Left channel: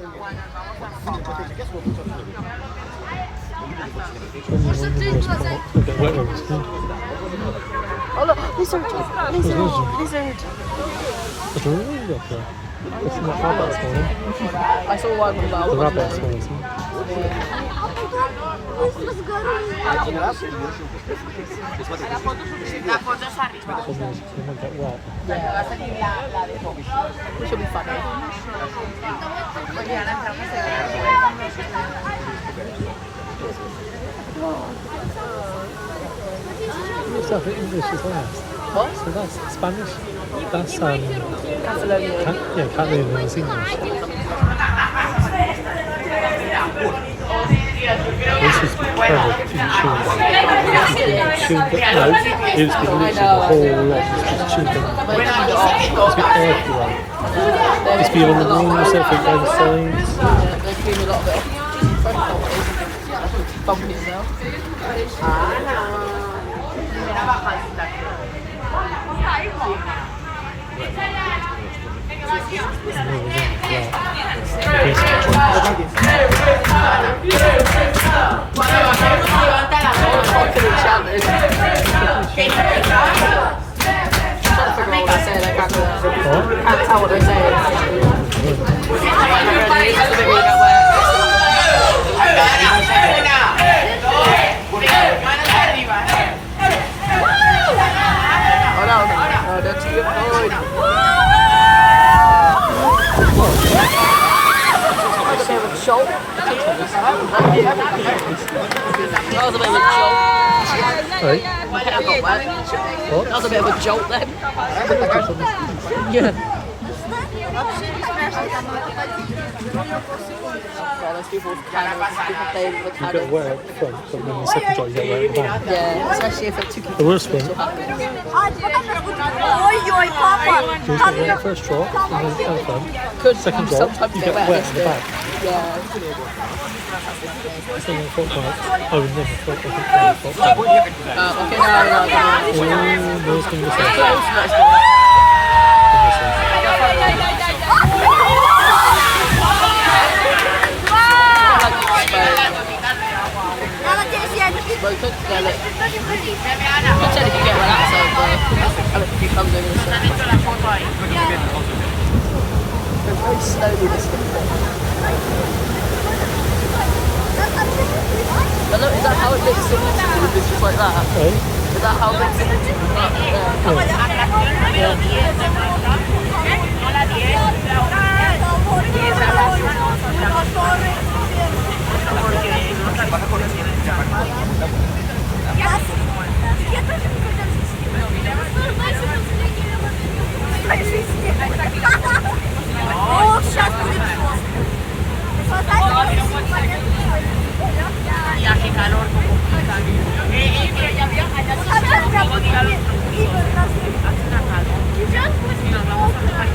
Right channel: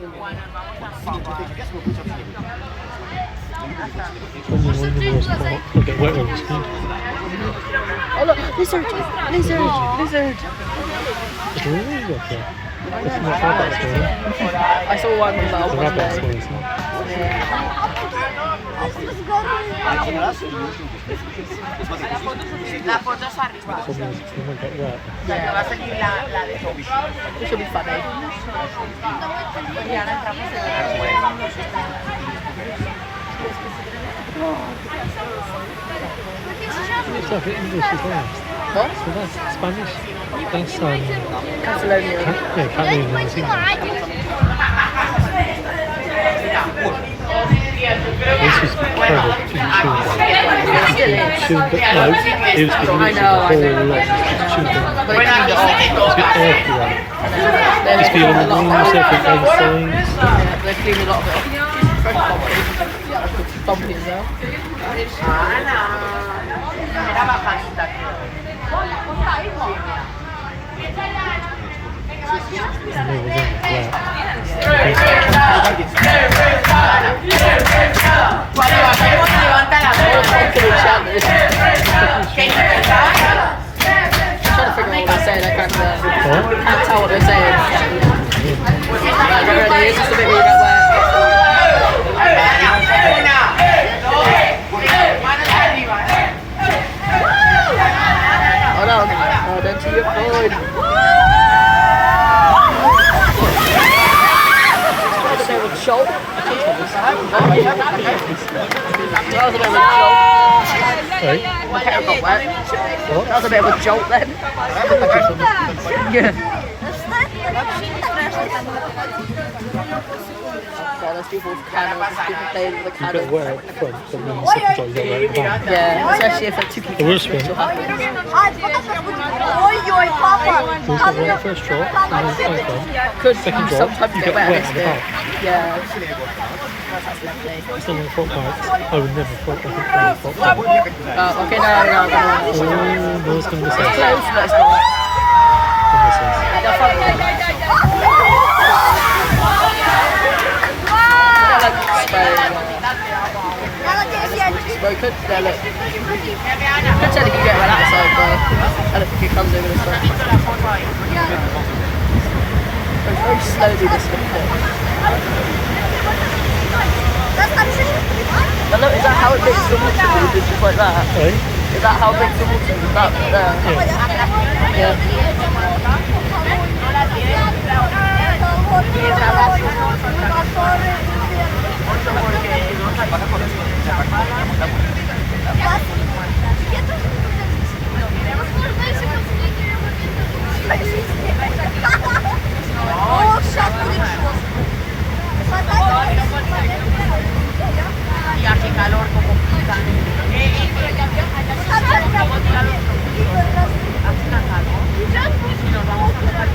I'll get wet on the skin. Oh look, lizard! Lizard! There's a lizard up there. It's not rabbit this morning. I saw one that I was The rabbit this morning, isn't it? La foto es arriba. It might get wet. Donde va a salir la de Toby. Which should be funny. Y ahora entramos en la cueva. It's like English as well. What? So that's Spanish. That's Catalonia. Catalan and it's English. This was terrible to chew on. No, it was literally the whole lot. Just chewed them. It's got air throughout. Just be on the walls, everything, things. They clean a lot of it off. Fresh bumpy. Bumpy as well. Era bajadita. Cuando bajamos levanta la mano. Can't tell what they're saying. Oh no, that's your phone. That was a bit of a jolt. That was a bit of a jolt. Right? My hair got wet. What? That was a bit of a jolt then. Yeah. Oh, there's people playing with the You candles. get wet at the front, but then the second drop you get wet at the back. Yeah, especially if it's too The worst one. will happen. So it's not wet at the first drop, and then at the front. Second drop, sometimes you get wet at the back. Yeah. It's not like front bike. I would never front, I think I would front bike. Okay, no. Oh, no, it's going to miss out. Broken? Yeah, look. Good tell if you get one outside though. And if he comes over the side. Very slowly this stuff. Now look, is that how it makes the water move? It's just like that? Right? Is that how it makes the water move? That there? Yeah. Ya qué calor, como pican. Luego diga los propulsores. Hace una calor. Y nos vamos a dejar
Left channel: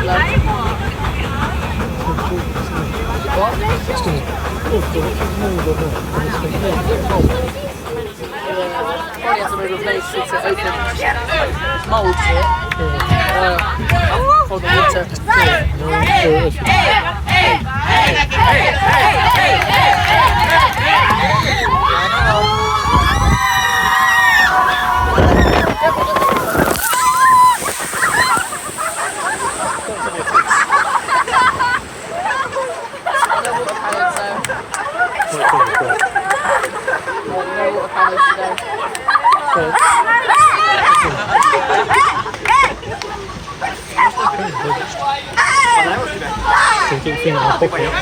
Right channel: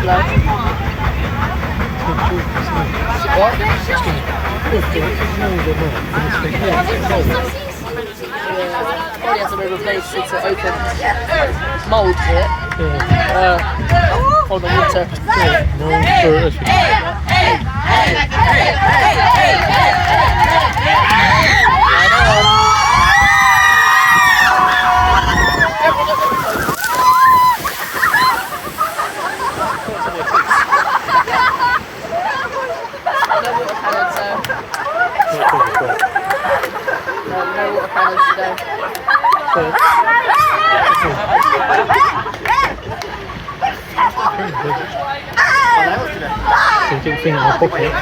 Slow. What? It's going to be mould on that. And it's big, yeah, it's cold. Probably has to be replaced since it opened. Mould to it. For the winter. Yeah, no, for Something thing in my pocket.